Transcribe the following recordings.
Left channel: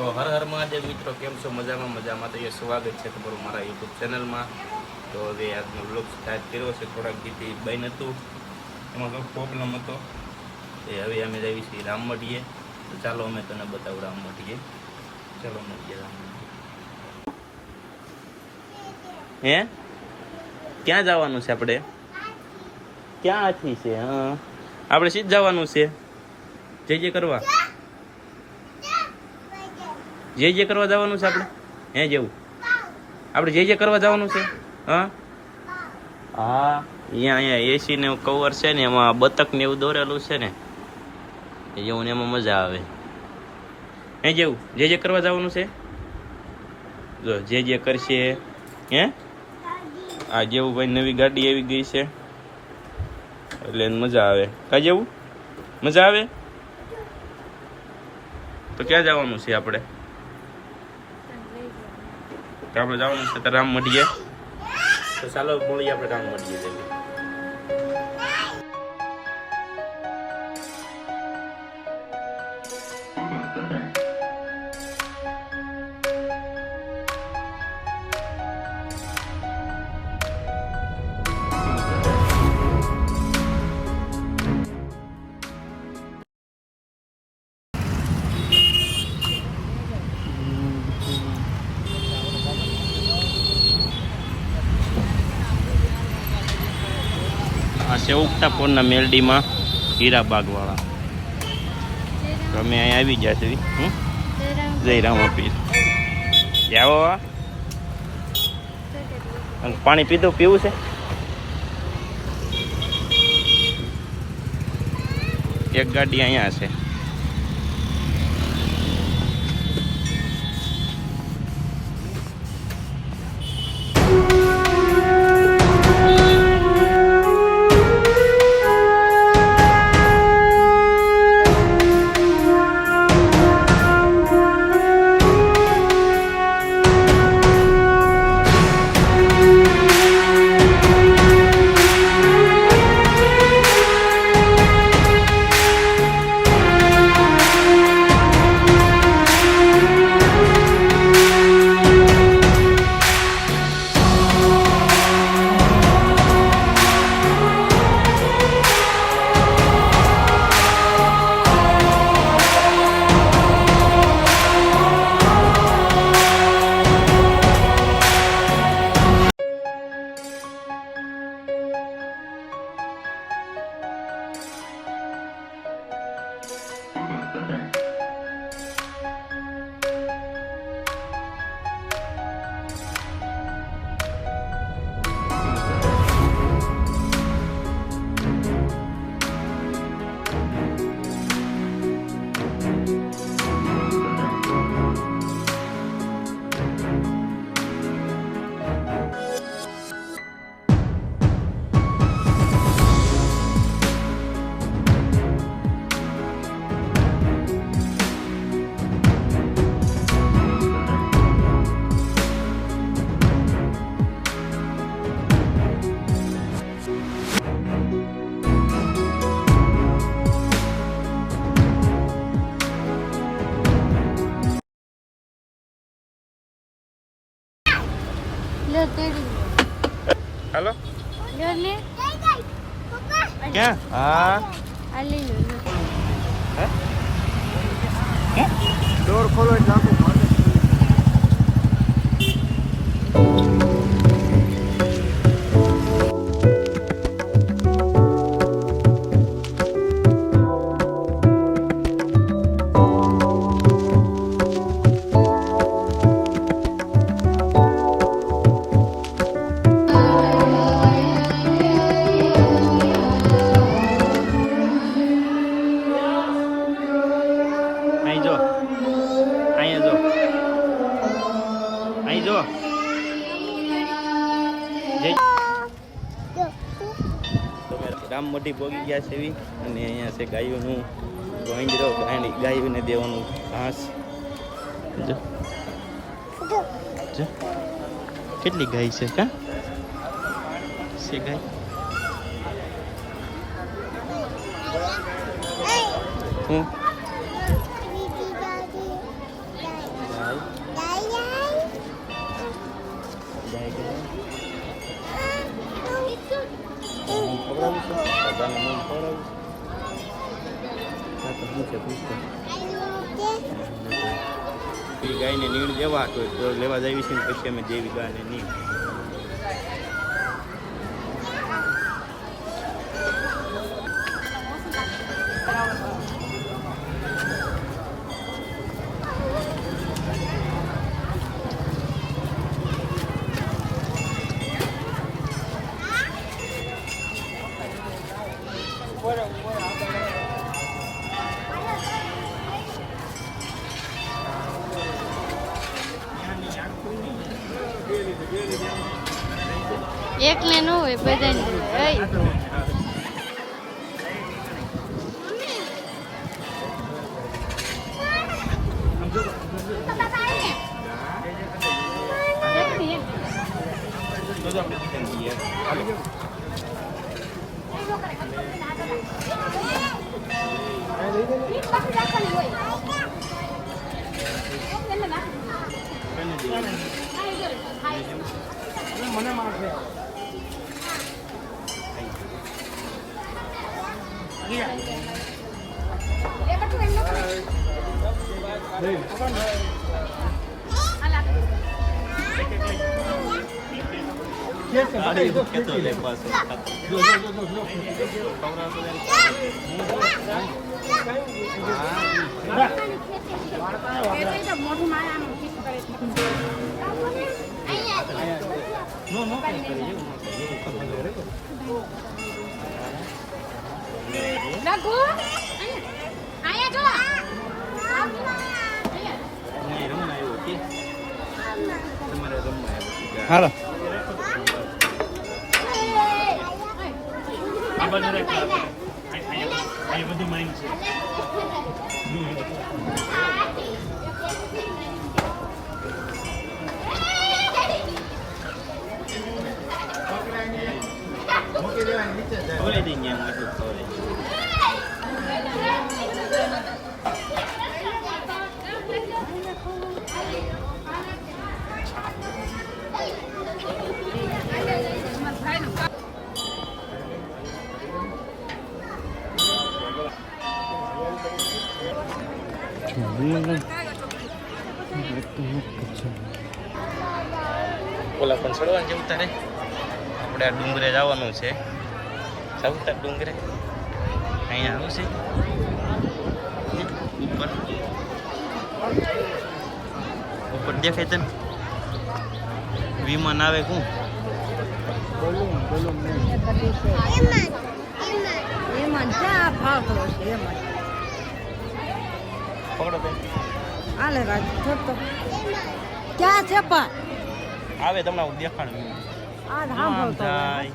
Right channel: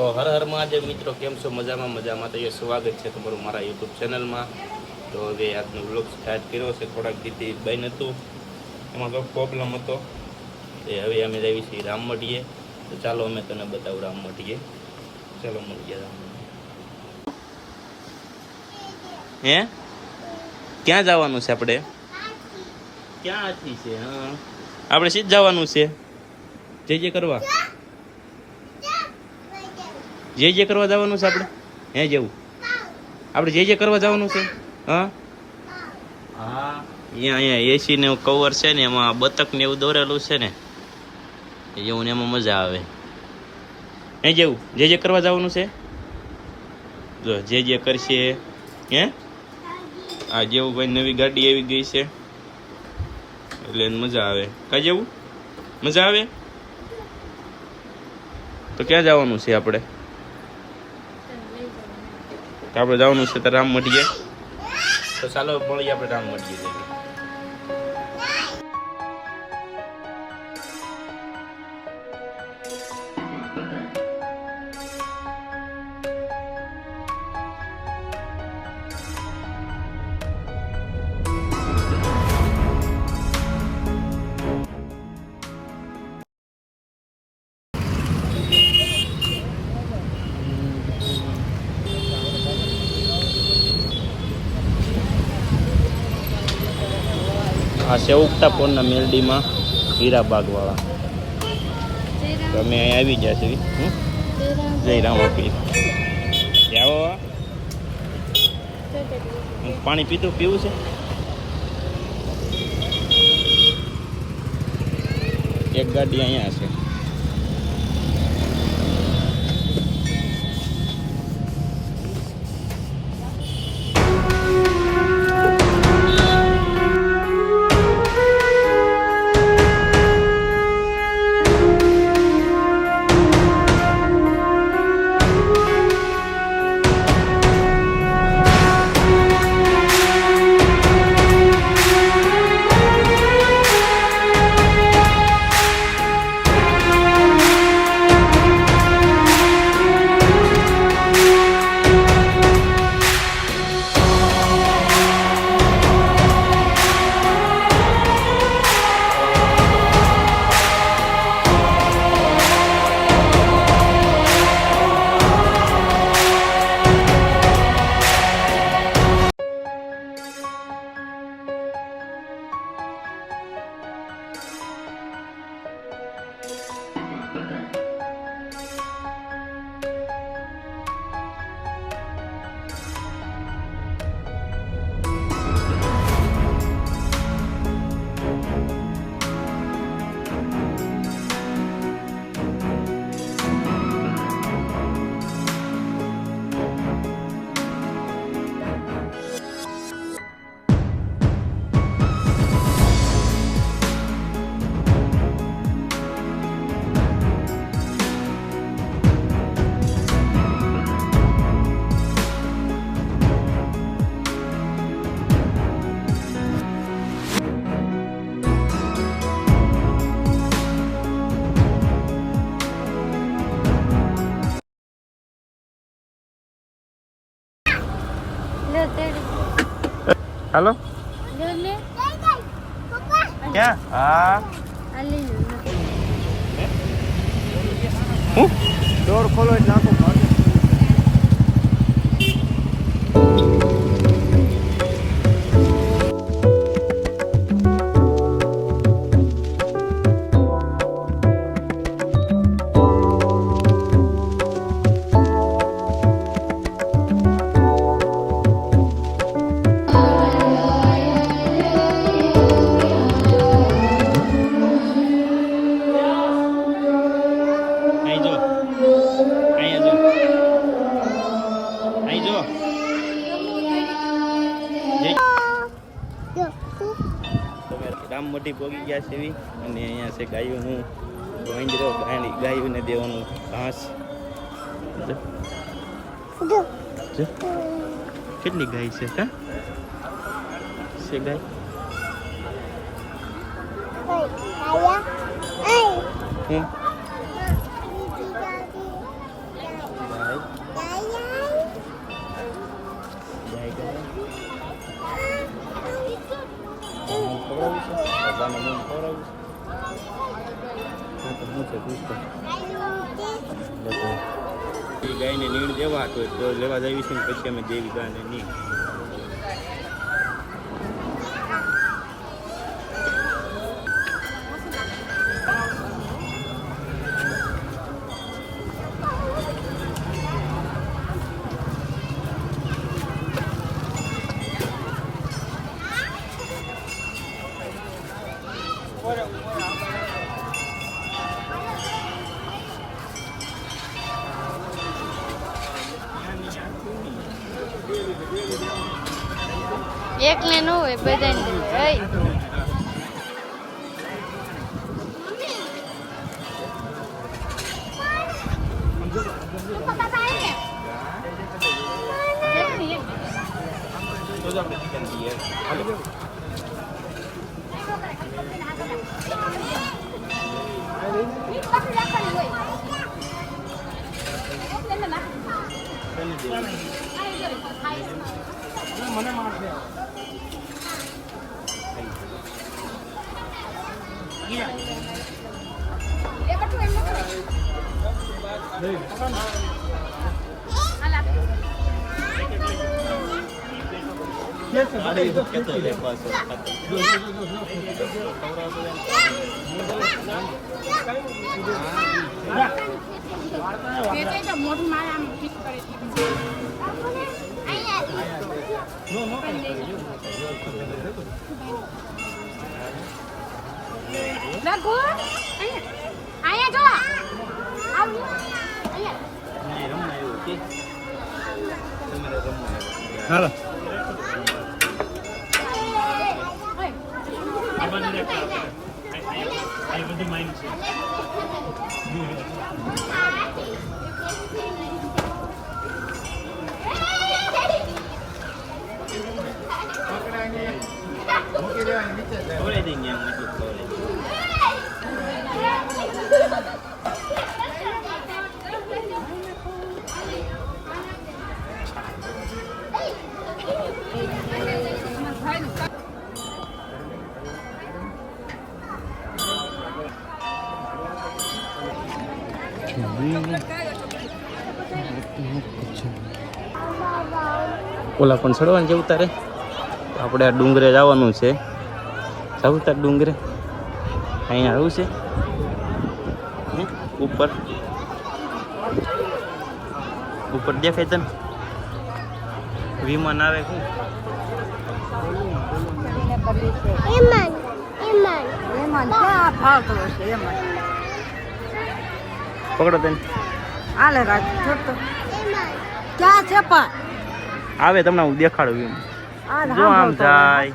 તો હર હર મહાદેવ મિત્રો, કેમ છો? મજામાં મજામાં. તો એ સ્વાગત છે તમારું મારા યુટ્યુબ ચેનલમાં. તો હવે આજનો વ્લોગ સ્ટાર્ટ કર્યો છે. થોડાક દીથી બંધ હતું, એમાં તો પ્રોબ્લેમ હતો. એ હવે અમે જઈએ છીએ રામમઢીએ. તો ચાલો અમે તને બતાવું રામમઢીએ. ચાલો મળીએ રામમઢીએ. હે ક્યાં જવાનું છે આપણે? ક્યાં આથી છે? હા, આપણે સીધ જવાનું છે. જે કરવા જે કરવા જવાનું છે આપણે. હે જેવું આપણે જે કરવા જવાનું છે. હા હા, અહીંયા એસી ને કવર છે ને, એમાં બતક ને એવું દોરેલું છે ને, એવું ને એમાં મજા આવે. હે જેવું જે કરવા જવાનું છે. જો જે કરશે. હે આ જેવું ભાઈ નવી ગાડી આવી ગઈ છે એટલે એને મજા આવે. કા જેવું મજા આવે. તો ક્યાં જવાનું છે આપણે? આપણે જવાનું છે તો રામમઢીએ. તો ચાલો મળીએ આપણે રામમઢીએ જઈએ. આ છે ઉગતા પોરના મેલડીમાં હીરાબાગવાળા. તો અમે અહીંયા આવી ગયા છે. જય રામ પીર. આવો પાણી પીવું છે. એક ગાડી અહીંયા છે. હાલો ક્યાં? હા ડોર ખોલો એટલે આખું રામમઢી પહોંચી ગયા છે એવી. અને અહીંયા છે ગાયોનું ગોંજરો, ગાયોને દેવાનું ઘાસ. કેટલી ગાય છે? કા છે ગાય? હું દાદાને મૂળ ખવડાવું હા તો શું છે પૂછતો એ ગાયને નીણ દેવા તો લેવા જઈએ છીએ પછી અમે દેવી ગાયને નીણ એક ને નો હોય બધાને મને મારશે હાલો ઓલા પણ ચડવાનું જવું તારે આપણે આ ડુંગરે જવાનું છે જવું તાર ડુંગરે અહીંયા આવું છે ઉપર ઉપર દેખાય તને વિમાન આવે શું પકડો તને આલે રાત છોડતો ક્યાં છે પણ આવે તમને હું દેખાડું જો આમ થાય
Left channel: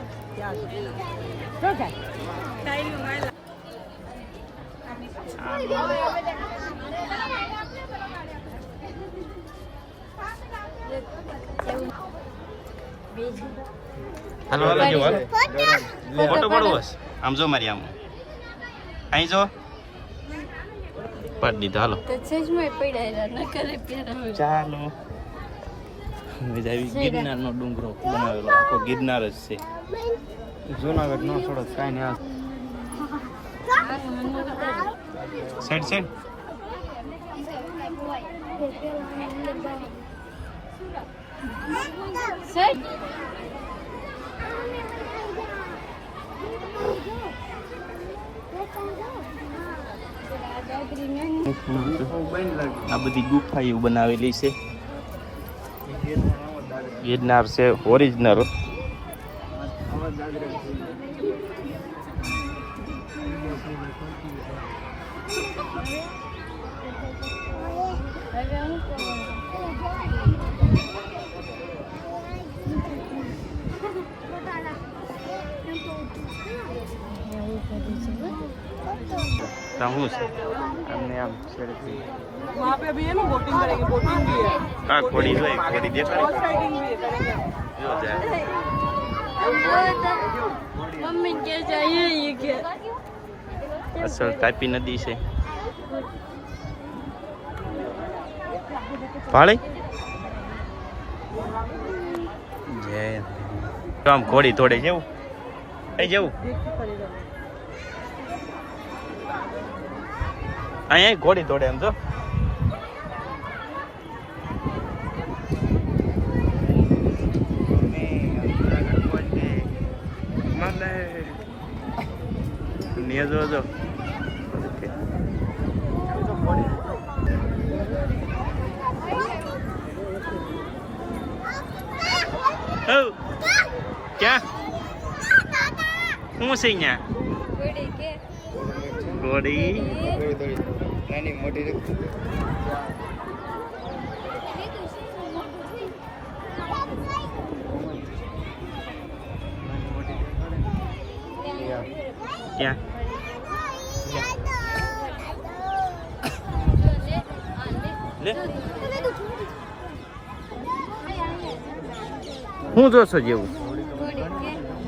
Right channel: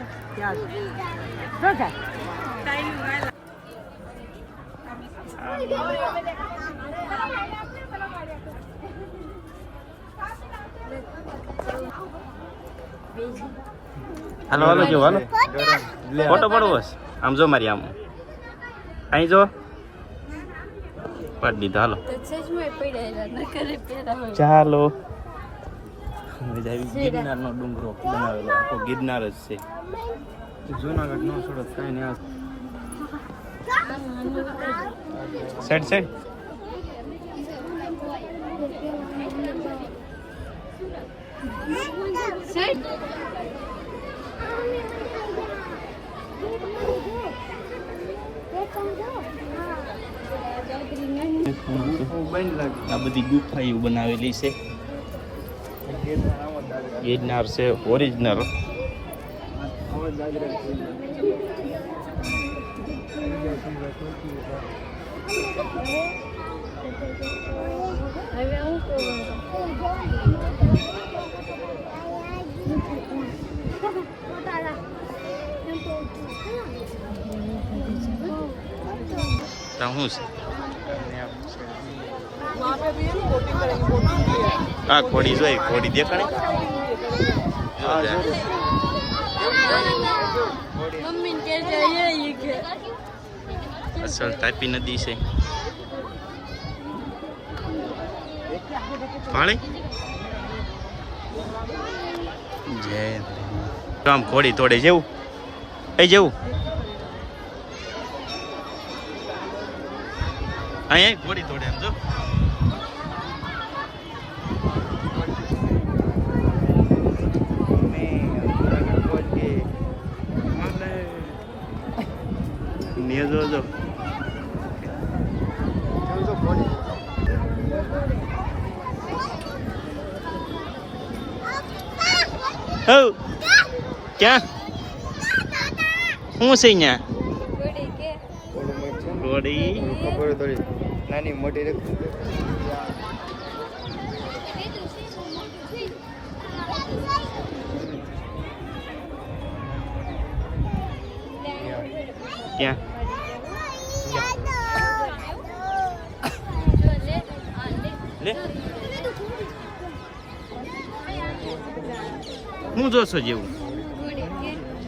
હાલો હાલો જો હાલો ફોટો પડવો છે આમ જો મારી આમ અહીં જો પાડી દીધો હાલો ચાલો ગિરનાર નો ડુંગરો બનાવેલો આખો ગિરનાર જ છે જુનાગઢ નો થોડો કાંઈ નહીં સાઈડ સાઈડ આ બધી ગુફાઓ બનાવેલી છે ગિરનાર છે ઓરિજિનલ શું છે આ કોડી જોઈ કોડી દેખાડી જો અસલ તાપી નદી છે પાળી જય આમ કોડી તોડે જેવું એ જેવું અહીંયા ઘોડી દોડે એમ જો. નિયર જો જો. હો ક્યાં શું છે અહીંયા ઘોડી નાની મોટી ક્યાં લે હું જોશો જેવું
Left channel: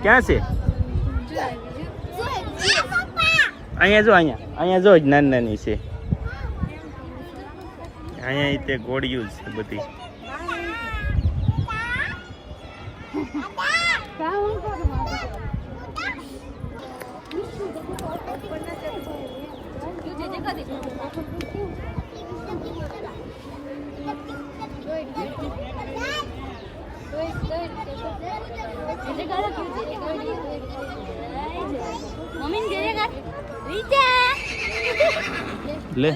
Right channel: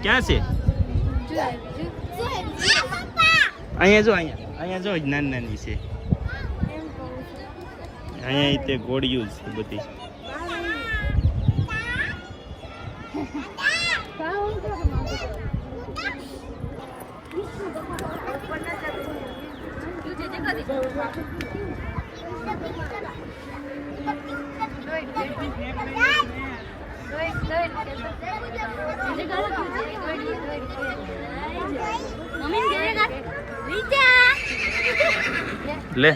ક્યાં છે અહીંયા જો અહીંયા જો જ નાની નાની છે અહીંયા તે ગોળીયું છે બધી લે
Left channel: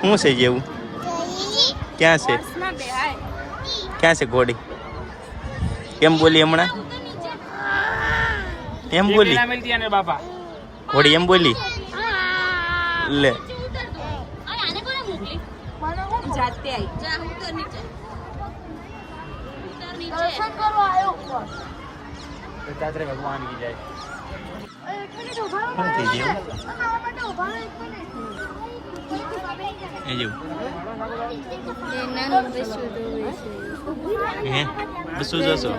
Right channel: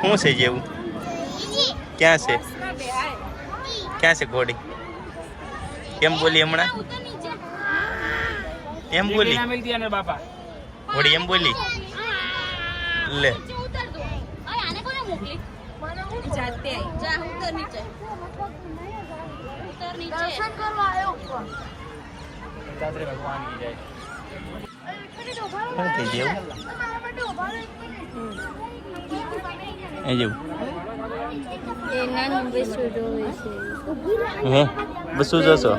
શું છે જેવું ક્યાં છે ક્યાં છે ઘોડી કેમ બોલી હમણાં એમ બોલી ઘોડી એમ બોલી લે શું થઈ ગયું એ જેવું હે બસું જશો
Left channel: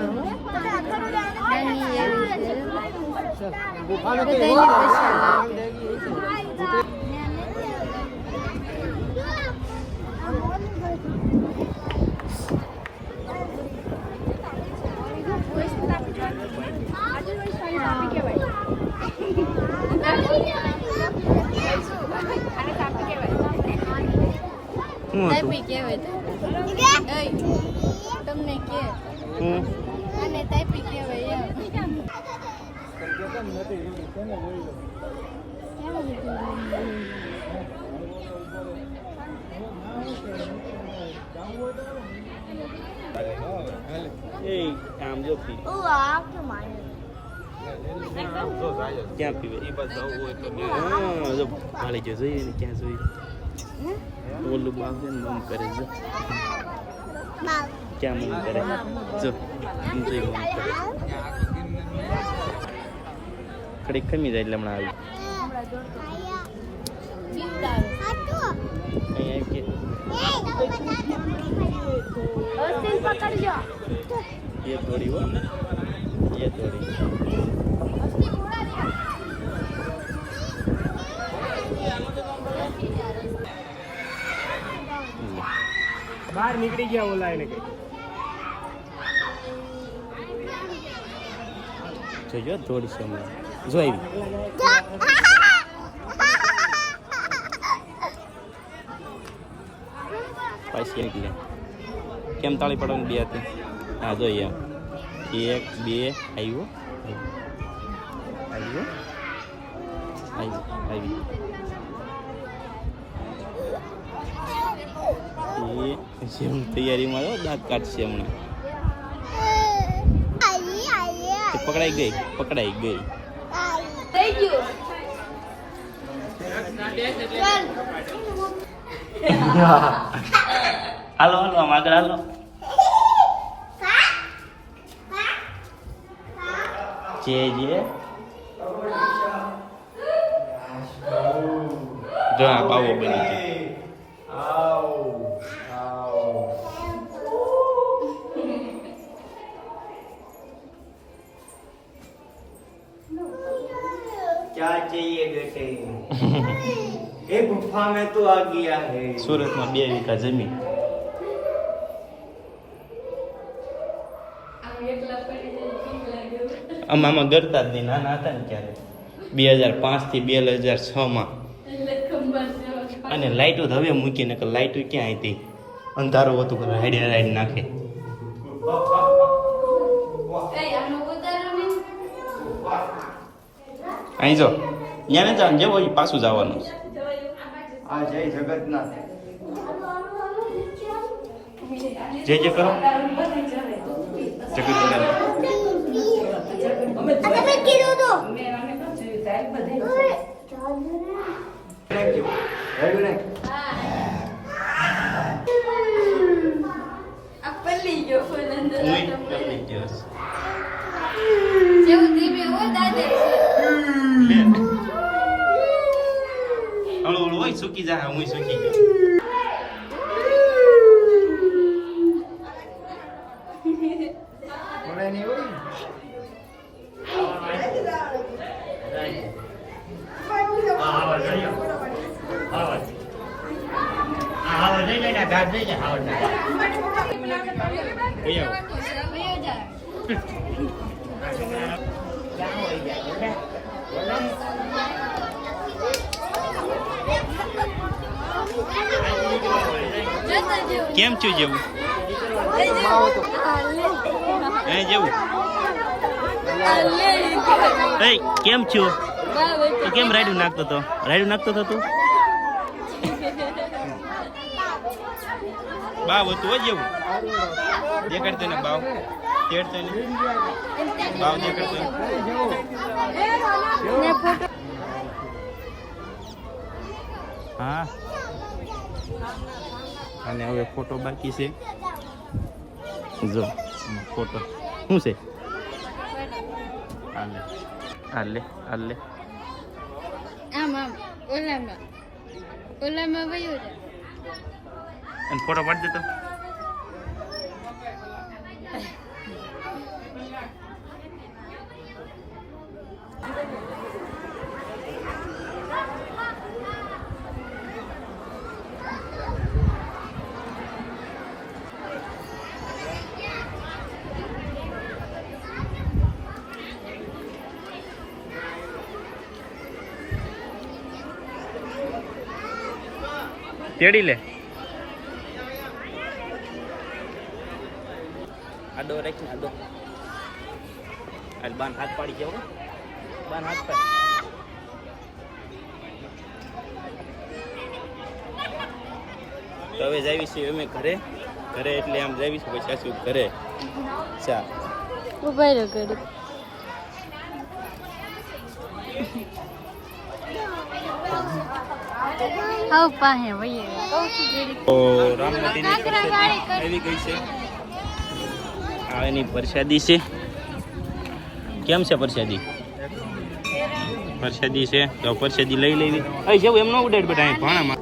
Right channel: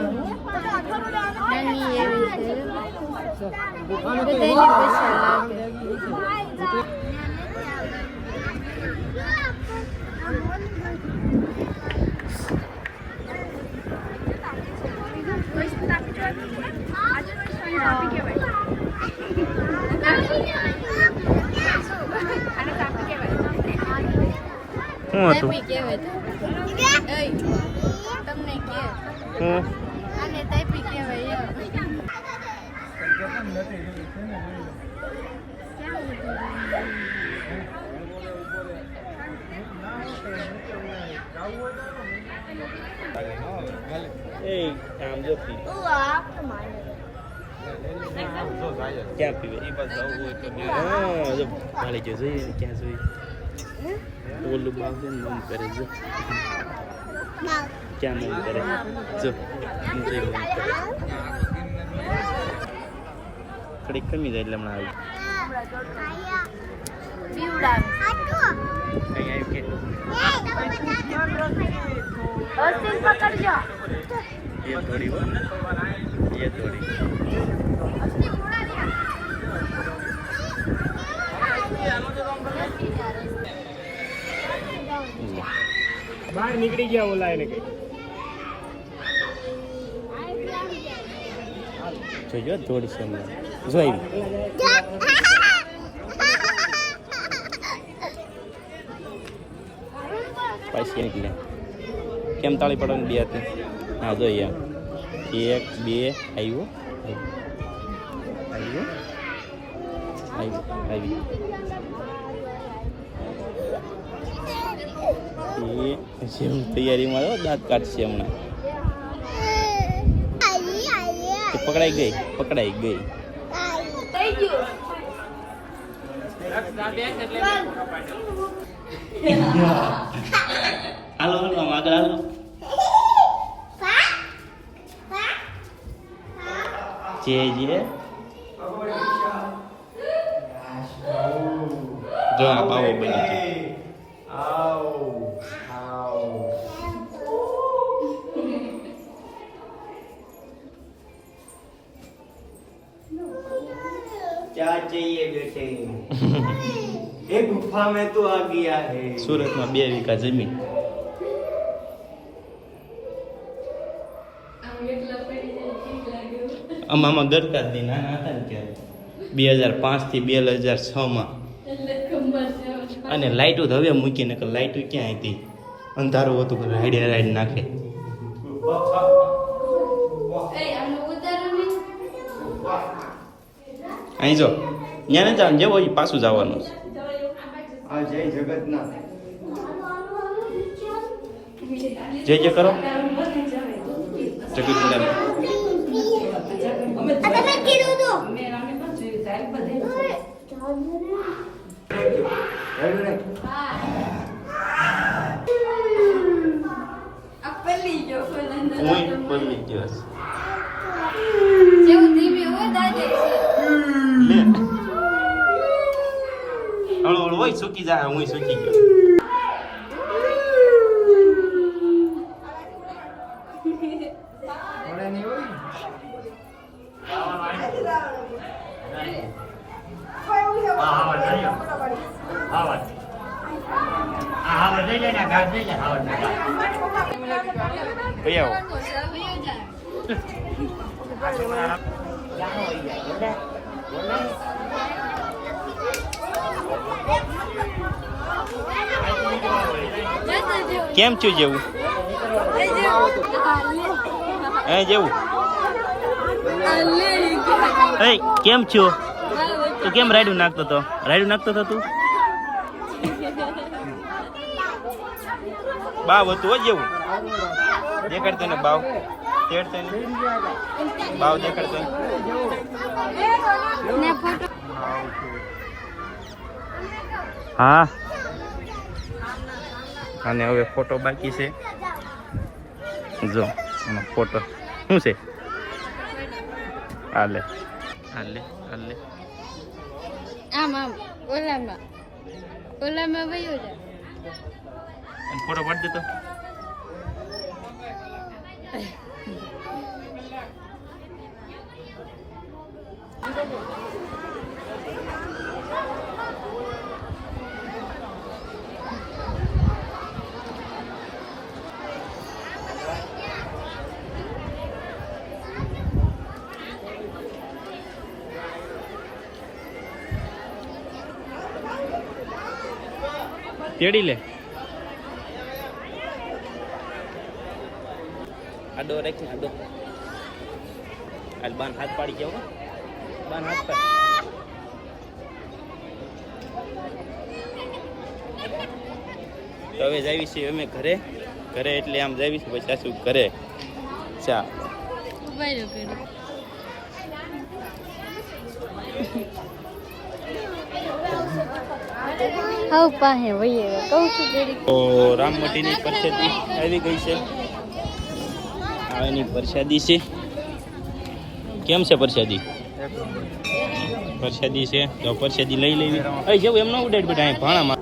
શું હતું તમને કે હું અને તાપી કહેવાય એ આમ જો પી ક્યાં પીવે હા જો ભાળી જો જોઈએ ક્યાં જોઈએ ઓલું બાપ છે ને મમ કરે જો ક્યાં મમ કરે જો જોઈ મમ કરે કડીક ખમી જાય એટલે હમણાં આવી અહીંયા આવ્યું કે ये थोड़ी वो ये थोड़ी બહાર નીકળી ગયા ઓલા એને કઈ જોજો થોડી છે જો આવી પાછી નીકળે કેમ તાળી પડવાની બે હતી હા જોઈએ એક બે આવ્યો આવ્યો આવ્યો આવ્યો એ જેમ તૈયારીમાં રહ્યો દાંત કાઢશે હમણાં પકડાઈ ગઈ હાલો હાલો આમ આગળ હાલો જે જો આ પાવો બની ગયો क्या चाहिए बेटे एक गुफा में तो आ गया है સુરતમાં 2 વીઘા જમીન. આમાં ગરતા જ નહીં, નાના હતા ને ત્યારે 2005 થી 2006 માં. અને લાઈટો તો હવે મૂકીને કે લાઈટો ક્યાં હતી, અંધારું હતું કે રાઈડ નાખે. અહીં જો ત્યાં ને જવાનું, જેવો હોય પાછું જવાનું છે. आ जय जगन्नाथ જય જય કરો જગતનાથ. હું પલ્લી દિવસ લે હળવું હોય સૂકી જાય, હું સૂકી ગયો. बोला नहीं हुई કઈ આવો કેમ છું જેવું હે જેવું એ કેમ છો તો કેમ રાયડું નાખતો તો તું બાવ હતું હો જેવું દેખાડતો ને બાવ તેડતો ને બાવ દેખાડતો હા. અને હવે ફોટો બાકી છે, જો ફોટો શું છે, હાલે હાલે હાલે ઓલામાં વયો જા. અને ફોટો પાડી દેતો. તેડી લે આડો રાખી આડો હાલ બાન હાથ પાડી જાવ, બાન હાથ પાડ. તો હવે જાવી છીએ અમે ઘરે એટલે આમ જાવી છું પછી સાસુ ઘરે ચા ઉભા રહ્યો ઘડી. આવ પાસે વયો કહું છું ઘડી. તો રામમટીની પ્રસાદી આવી ગઈ છે. આ એની પ્રસાદી છે. કેમ છે પ્રસાદી? પ્રસાદી છે તો પ્રસાદી લઈ લેવી. અહીં જેવું એમ ન ઉડાડ બેટા, અહીં ભાણામાં.